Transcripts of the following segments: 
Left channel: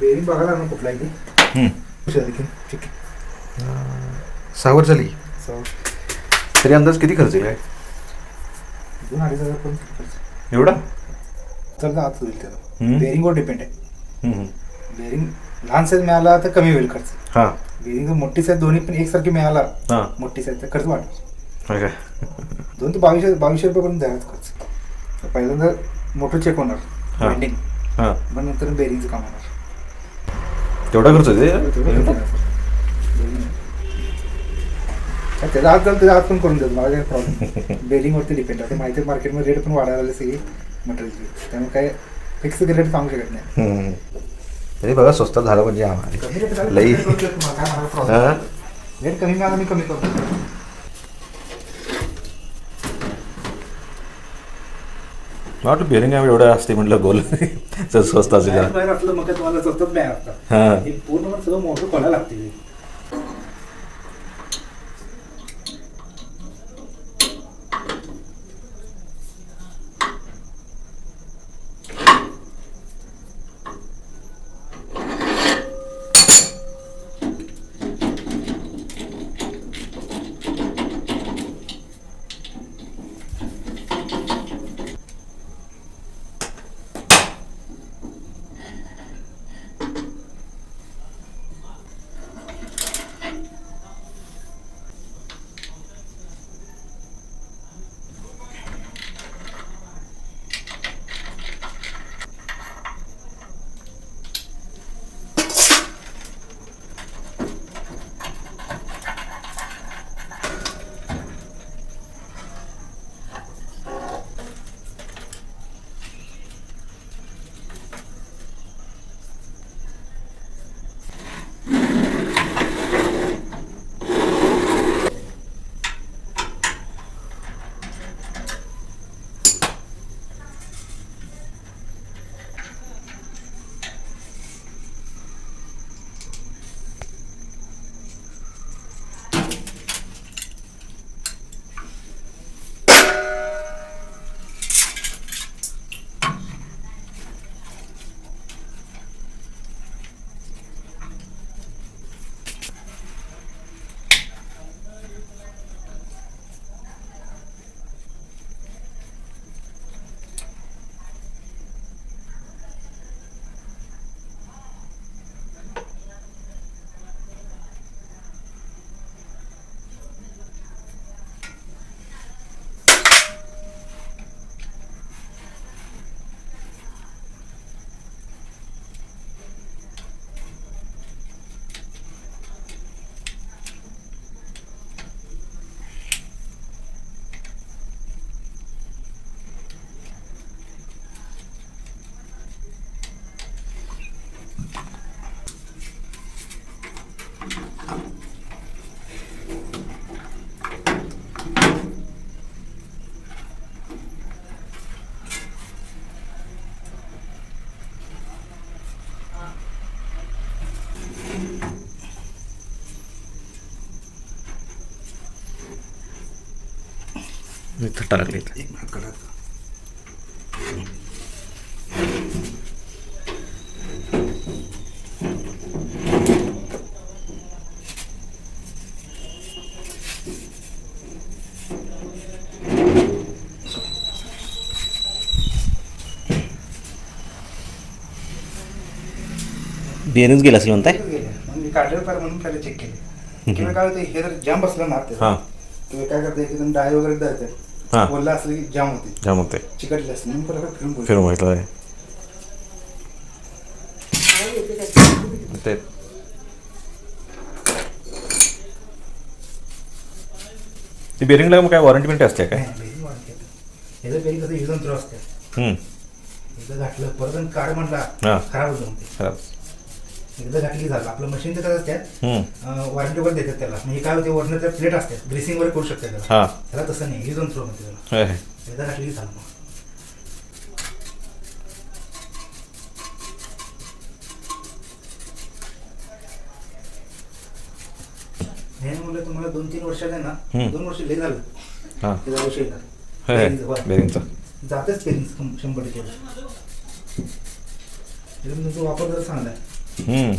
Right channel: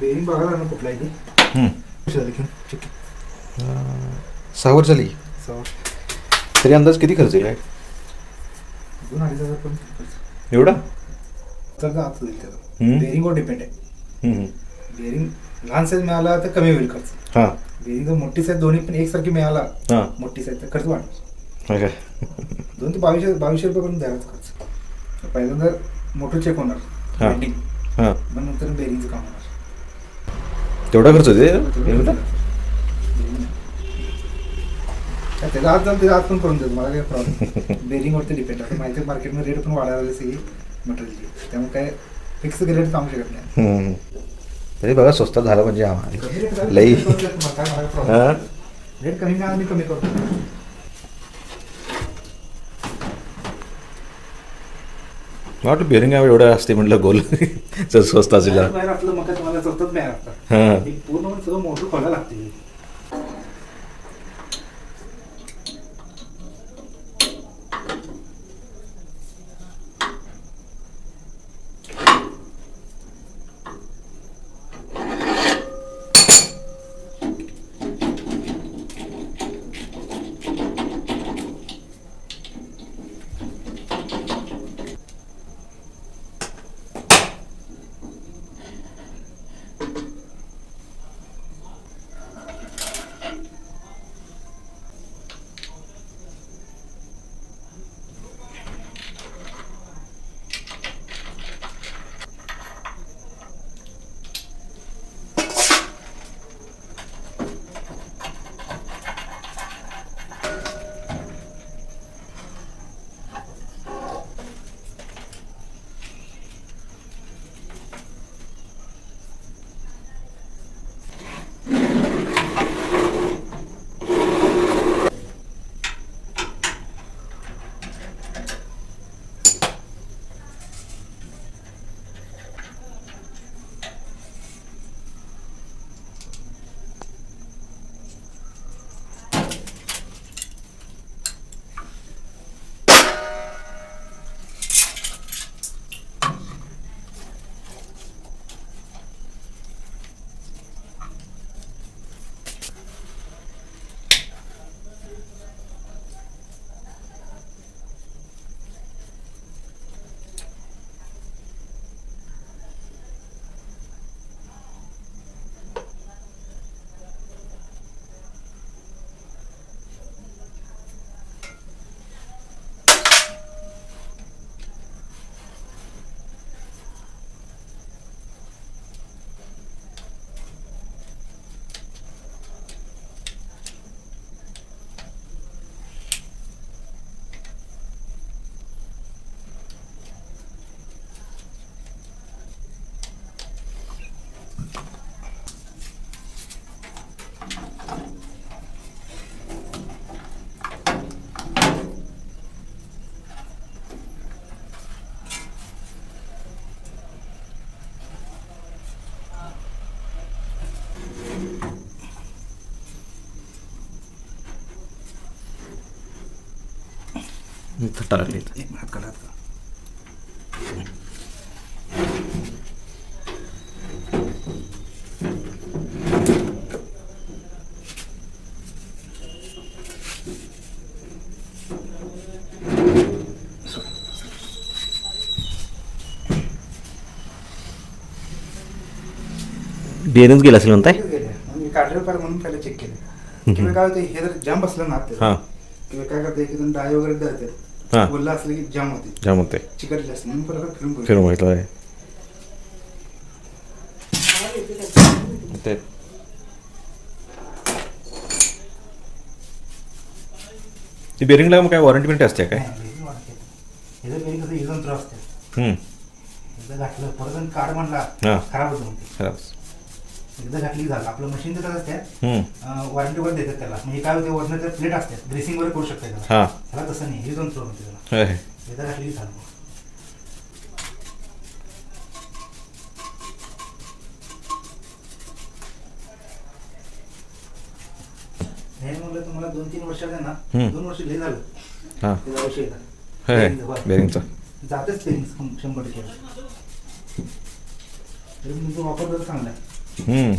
Bearing बघायला ना कुठला आहे ठीक 6 वर्ष झाली. तरी अंदाज किती खर्च आहे काय 2-2.5 हजार पर्यंत एवढा? तर आत होईल त्याला. बेरिंगवर डिपेंड आहे. बेरिंग लहान साईज मिळाला तर कमी होईल खर्च. हां. बेरिंग जर मोठी साईज दोन्ही पण एकसारखी मिळाला हां मोठी साईज तर खर्च वाढेल. काय 2 ते 2200 रुपयेपर्यंत द्यायलाच खर्च. पहिल्यांदा मोठं चेक होणार वेल्डिंग, हां मग नंतर बेरिंगचं काम होणार. तेवढा खर्च होते? त्याचा हात झालं त्याचा हात पण करून देतो, मला काही प्रॉब्लेम. बेरिंगवरती डिपेंड आहे. माहिती मार्केटमध्ये रेट पण वाढायला लागले सगळी मटेरियलची, त्यामुळे काय फिक्स रेट सांगू शकत नाही. तरी बघा स्वस्तात झालं म्हणजे आम्हाला लई. हां रेट कमी मिळाला मी कमी करतो. वाटलं बेरिंग एवढं असते म्हटलं गोल स्वस्त असेल. बाहेर आपलं मग तुम्हाला सतत बाहेर असतात. हां हे पूर्ण सगळं मोठं खोलायला लागते. थट्टा लागली. एक मिनिट काढा. बेरिंग गेला असेल म्हणताय? मी काढलेलं पाहिजे म्हणून पहिला चेक केले. काय होतं हे जर जाम बसलं ना हां तुम्ही काय करता एक डाय वगैरे द्यायचं. हां बोलला असलं की जाम होते, जाम होते, चिकटले असतं म्हणून परत फिरून करू. फिरून माहिती ते ती बेरिंगला मग काय वॉरंटी बिंटी असते काय? बेरिंग वाढते. हे जर बेरिंग कसं इजन थ्रो असते. एकदा घातलं परत काढ म्हटला हां खराब होतं म्हणते. खराब. एकदा घातली झालं. आपलं मशीनचं कसं असतात वॉरंटी वगैरे देतात त्याला. म्हणजे काय होते वरनं त्या प्लेट असतात ग्रेसिंग वगैरे करू शकते त्याला. हां त्याला तसं नाही, इजन थ्रो म्हणते त्याला. एकदा घातली झालं मग. हे म्हणलं तुम्हाला 2-3 वर्षात आहे ना 2 वर्ष लय झालं. हां त्याचा औषध येतात बेरिंगचं जातेच पेरिंग 100%. तरी तुमचा वापर जर चांगला आहे. हम्म.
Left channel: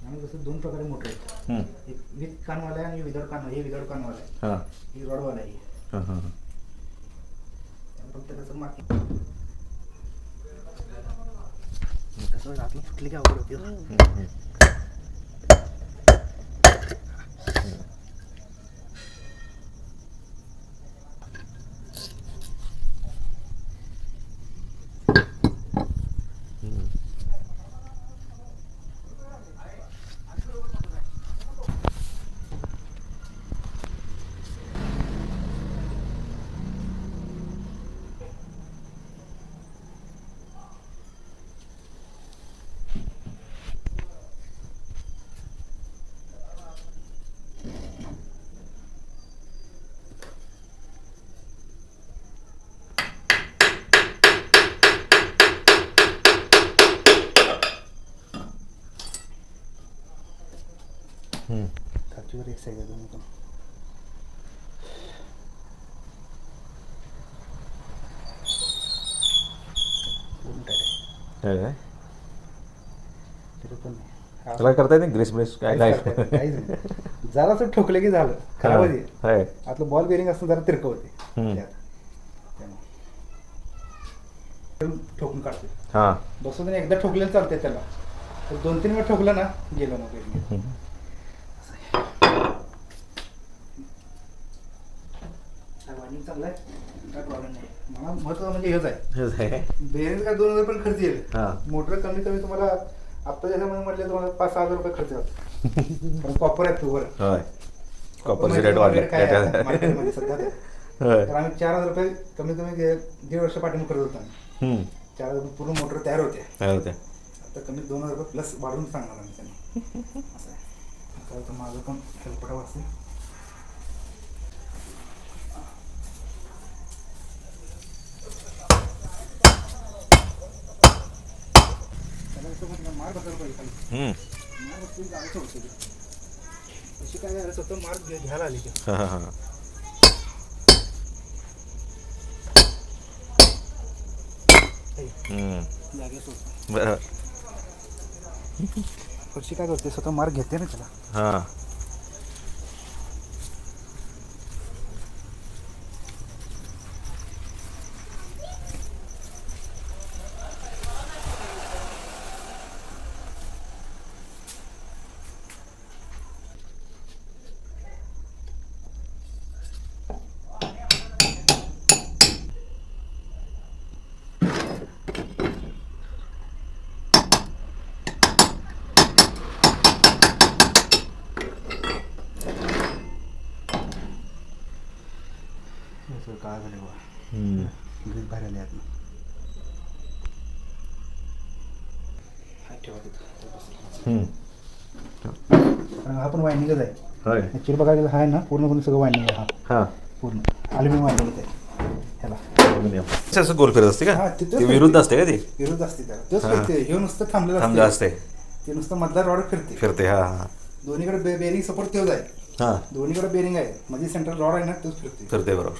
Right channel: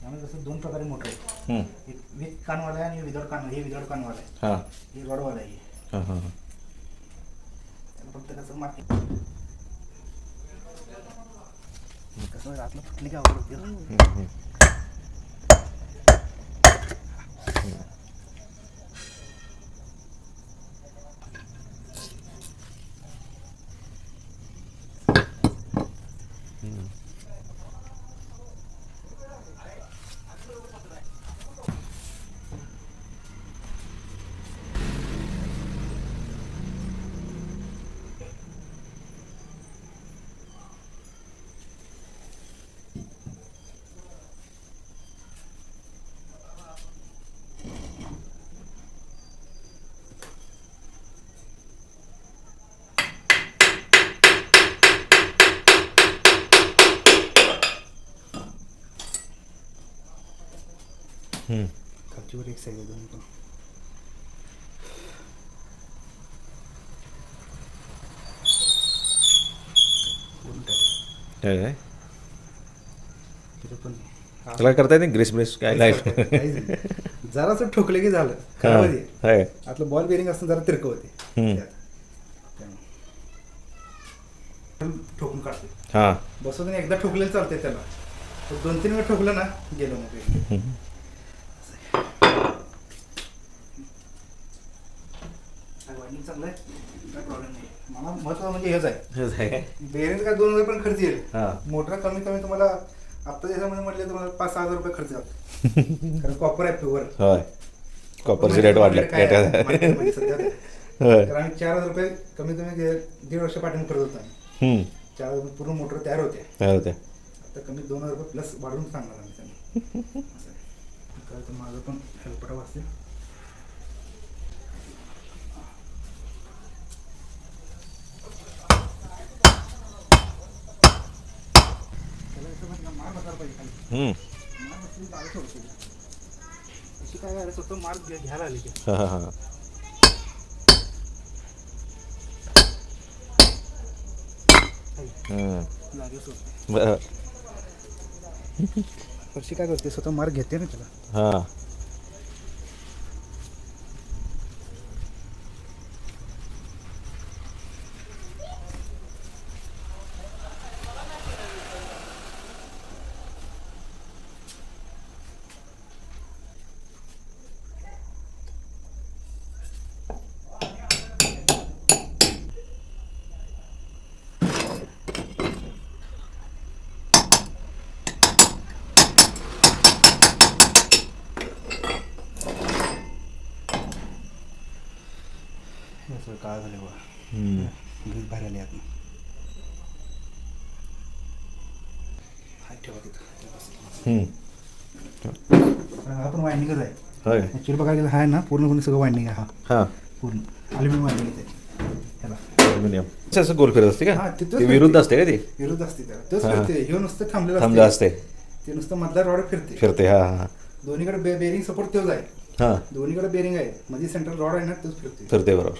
त्यामुळे जसं 2 प्रकारे मोटर आहेत. हम्म. एक विथ कानवाला आहे आणि विदाउट कानवाला. हे विदाउट कानवाला आहे. हां ही रॉडवाला आहे. हां हां हां. फक्त कसं माती कसं आतलं फुटली की अवघड होते. हम्म. खालचीवर एक साईड आहे दोन्ही पण. दोन टायर आहे. काय तिथं पण त्याला करता येते ग्रेस ब्रेस काय नाही. जरासं ठोकलं की झालं. खराब होते. आहे. आतलं बॉल बेरिंग असतं जरा तिरकं होते. हम्म. त्यामुळे ठोकून काढते. हां. बसून एकदा ठोकलेलं चालतंय त्याला. तर 2-3 वेळ ठोकलं ना गेलं ना बेरिंग. वायरिंग चांगलं आहे. काय प्रॉब्लेम नाही. मला महत्त्वाचं म्हणजे हेच आहे. बेरिंग काय 2,000 पण खर्च येईल. हां. मोटर कमी कमी तुम्हाला आता त्याच्यामध्ये म्हटलं तुम्हाला 5-6 हजार रुपये खर्च जातो. कारण कॉपर आहे प्युअर. होय. कॉपरचे रेट वाढले. मार्केटमध्ये सध्या तर. होय. तर आम्ही 4,000 रुपये कमी कमी 1.5 वर्ष पाठीमागे करत होतो आम्ही. 4,000 पूर्ण मोटर तयार होते. काय होते. आता कमी 2,000 रुपये प्लस वाढवून सांगणार आम्ही त्यांनी. असं आहे. आता माझं पण हेल्पटा वाचते. मार बसायला पाहिजे खाली. मार बसली जागा सोडते. अशी काय झालं स्वतः मार्क घ्यायला आली. हां हां हां. जागे सोड. बरं. फरशी काय करते स्वतः मार्क घेते ना त्याला. हां. काय झालं बघा. हम्म. दूध बाहेर आले आत. ठेवा तिथं. कारण हा पण वायंडिंगच आहे. होय ॲक्च्युली बघायला गेलं हा ना पूर्ण सगळं वायंडिंग आहे. हा हां पूर्ण ॲल्युमिनियम वायंडिंग आहे ह्याला. असं गोल फिरत असते हा का तिथं ते विरुद्ध असते का ती विरुद्ध असते त्याला. तोच हा. फिरते. हे नुसतं थांबलेलं थांबलं असते. असते ते नुसतं मधला रॉड फिरते. फिरते हां हां दोन्हीकडे बेरिंग सपोर्ट तोच आहे. हां दोन्हीकडे बेरिंग आहे. मध्ये सेंट्रल रॉड आहे ना तोच फिरते. फिरते बरोबर.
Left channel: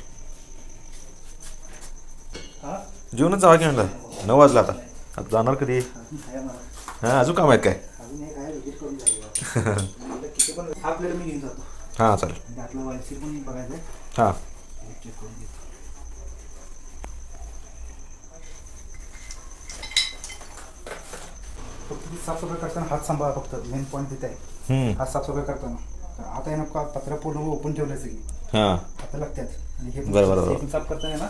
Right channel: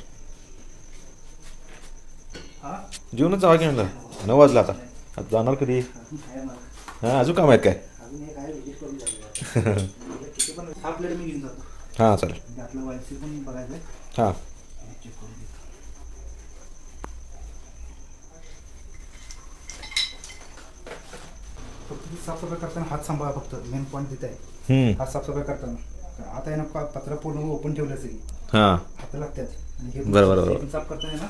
हा जेवणच जावा की म्हणलं 9 वाजला आता आता जाणार कधी अजून काय मला हां अजून काम आहेत काय अजून एक आहे विजिट करून जाऊया. किती पण हा प्लेट मी घेऊन जातो. हां चालेल म्हणजे आपलं वायसी पण बघायचं. हां चेक करून घेतो. फक्त ती साफसफाई करताना हात सांभाळा. फक्त मेन पॉईंट तिथे आहे. हात साफसफाई करताना आता आहे ना पत्र पूर्ण ओपन ठेवलं सगळी हां आता लागतात. आणि हे बरोबर, बरोबर. पण साफ करताना ना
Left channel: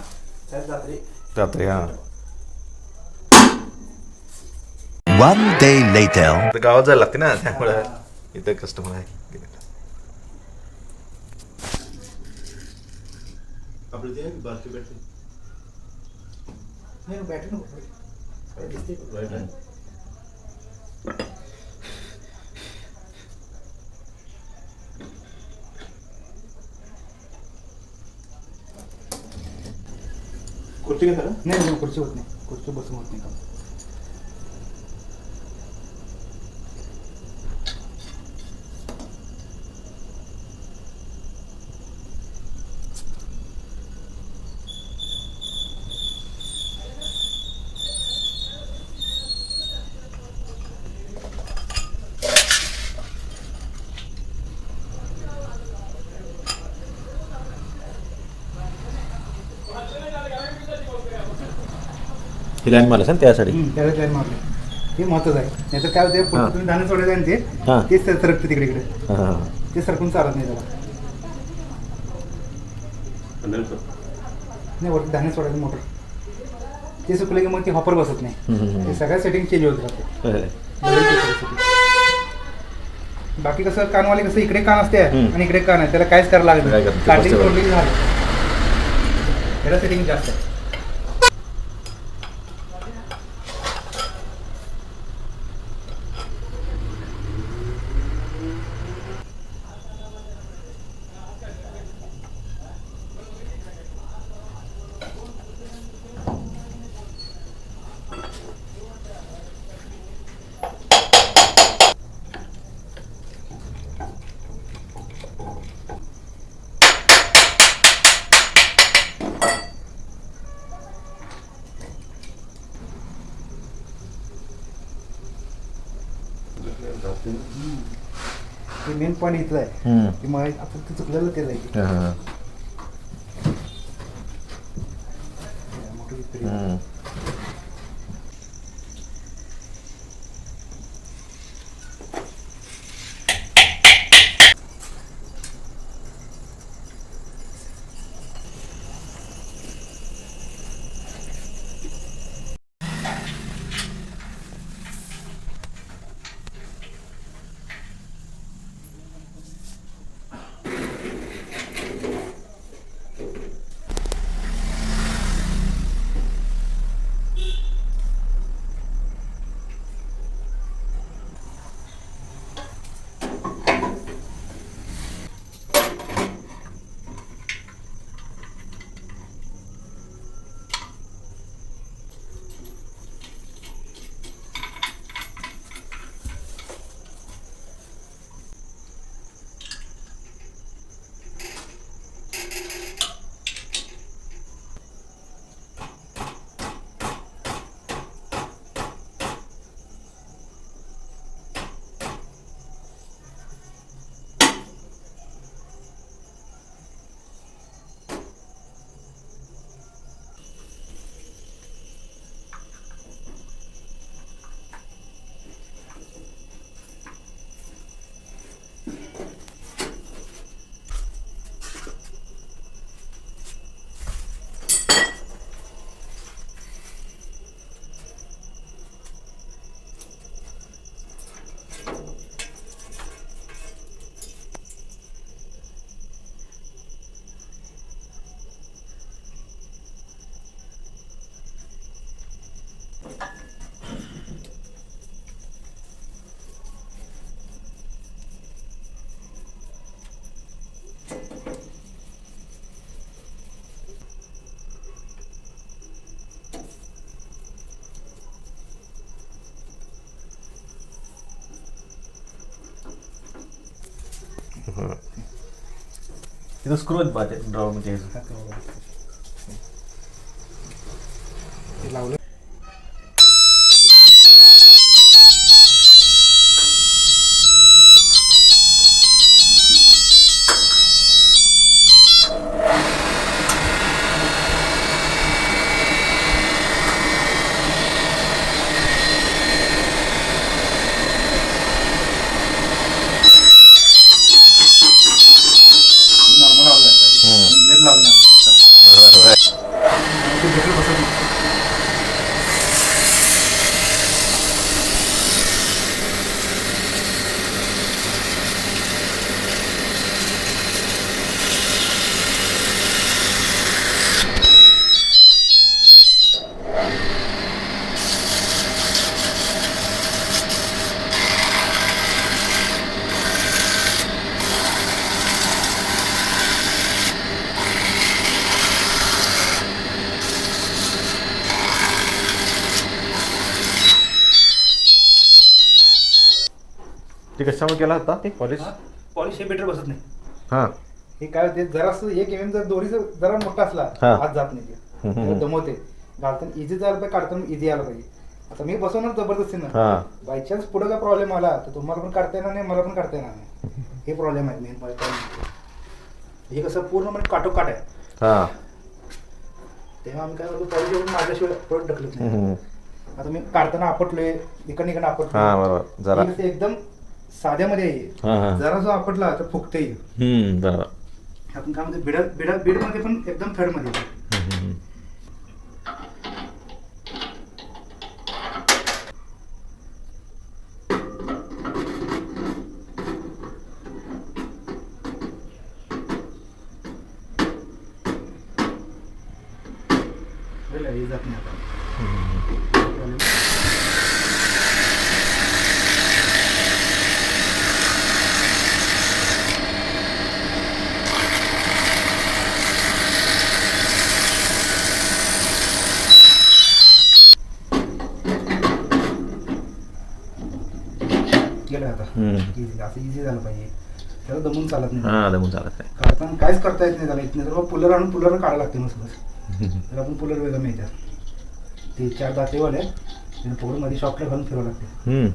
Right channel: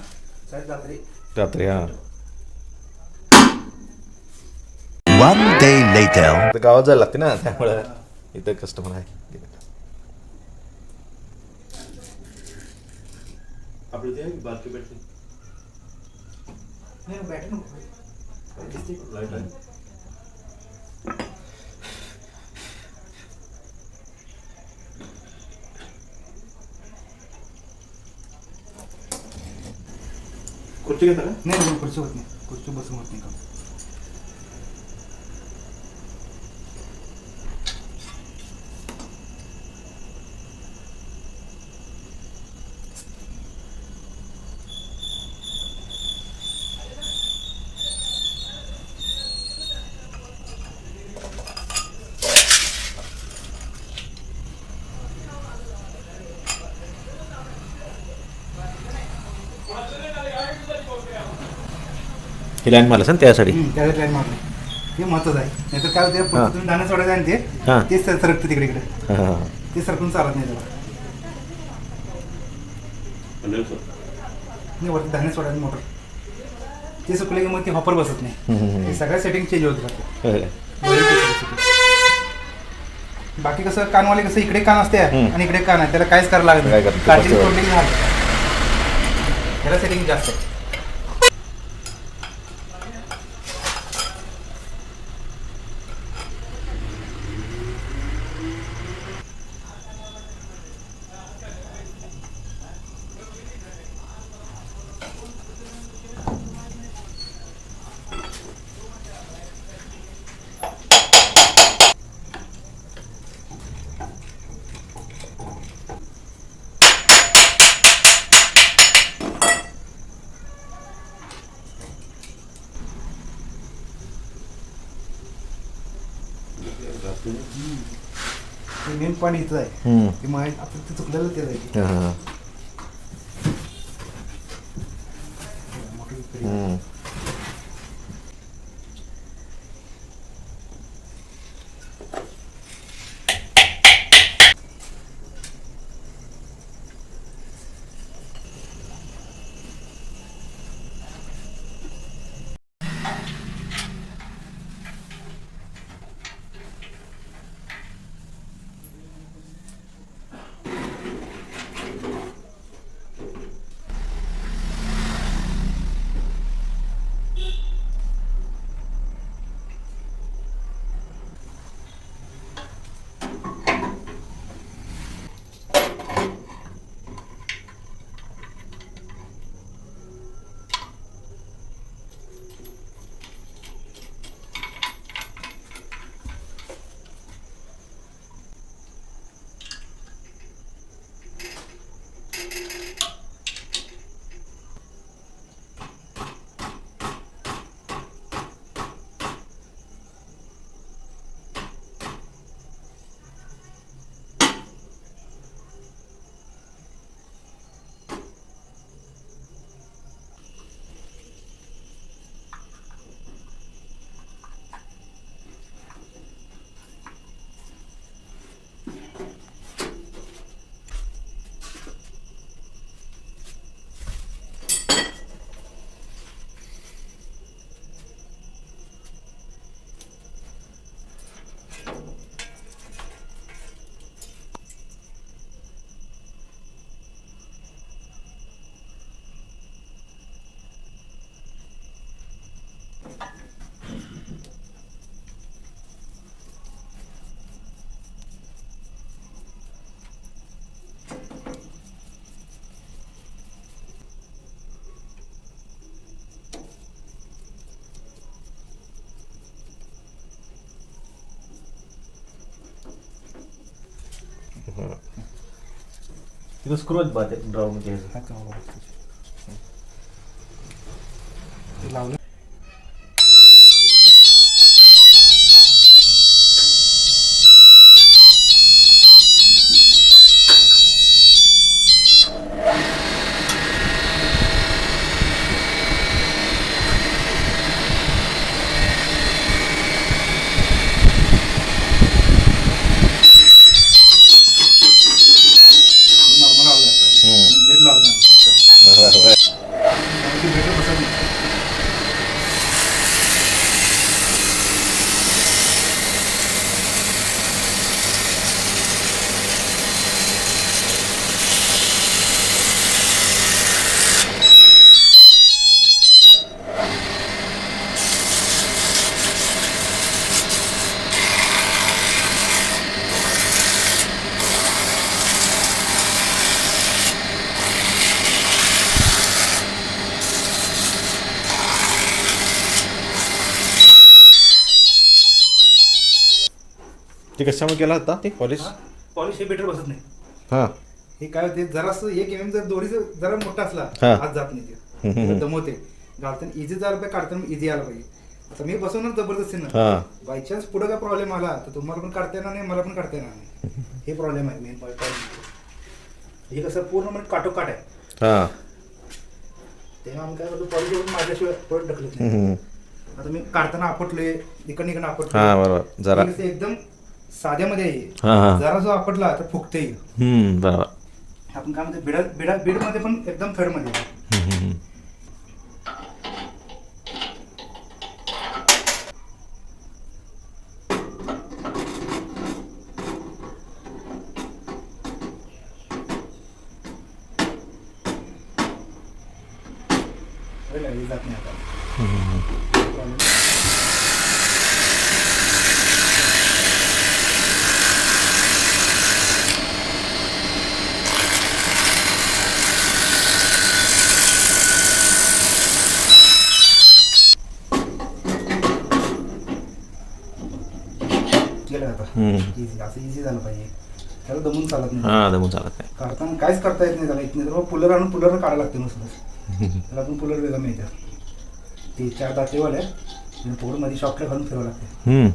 शाळेत रात्री रात्री हां One day later. आता गावात जायला लागते ना त्यामुळे इथं कस्टमर आहे नाही बॅटरी नको दिसते. खुर्ची घेता का नाही खुर्ची होत नाही. खुर्ची बसून होत नाही का. ही लाईन मला सांग त्यासाठी त्याला ट्रेन मारले ते महत्त्वाचं आहे. नाही तर काय होते हां. तुम्ही धान्य सोडायचं आहे ना हां. तेच सरकतं तिकडे इकडे. हां हां ते सरकून चालत नाही त्याला. नाही वरती धान्य सोडायचं मोटर ते सुकले की मग ते हॉपर बसत नाही. हे सगळ्या सेटिंग चेंज होत राहते. बाकी कसं कानवाले कसं इकडे कान असते आणि इकडे कान आहे त्याला काहीच करायला लागत काय नाही. करते? काढली बरोबर. तोडली की झालं. त्याला सेटिंग जास्त आहे. मेन पॉईंट इथं आहे. ते मग आपण ते चुकलेलं ते आहे. हां हां मोठी इकडे. तिथं स्क्रू आहेत बा ते ड्रॉमध्ये ते लावलं नॉर्मल लावलं ब्लेड लावलं बरोबर ब्लेड बसत नाही. ते कशामुळे केला होता ते पॉलिश पॉलिश हे बेटर बसत नाही. हां हे काय होते जरासं एक एम जर दोरीचं जरा मोठा असला हा. आज जात नाही ते दमवते. घालताना इझी झालं पाहिजे, काढताना इझी आलं पाहिजे. आता मी बसवणार जबरदस्तीनं हां बाय चान्स पुढे काय प्रॉब्लेम आला तर तुम्हाला पण काढता येणार नाही, मला पण काढता येणार नाही. हे प्रॉब्लेम आहे मेन हे कसं पूर्ण म्हणजे काटोकाट आहे. हां तेव्हा आम्ही काय करतो पॉलिश करून माझ्याशिवाय परत ढकलत नाही. आता मी काढताना आपटलोय इकडे हां आपटलोय बरोबर जरा हे कसं एकदम साध्यामध्ये आहे. हां हां जरा जो आपटला तर फुगते. बरोबर आपण काय म्हणते बीडमध्ये पण एकदम थर्डमध्ये आहे. हे जात नाही आता. गेलं आता इझी असं इझी झालं पाहिजे. त्याला दमून चालत नाही. हां दमून चालत नाही काढताना काहीच करता येत नाही त्याला येत नाही तर पुलर आणून पुलर काढायला लागते नुसतं. त्याला पण पुलर वेगळं मिळतं. ते 4 दातेवाले त्याला पुढं मध्ये शॉपला घालून फिरावं लागते.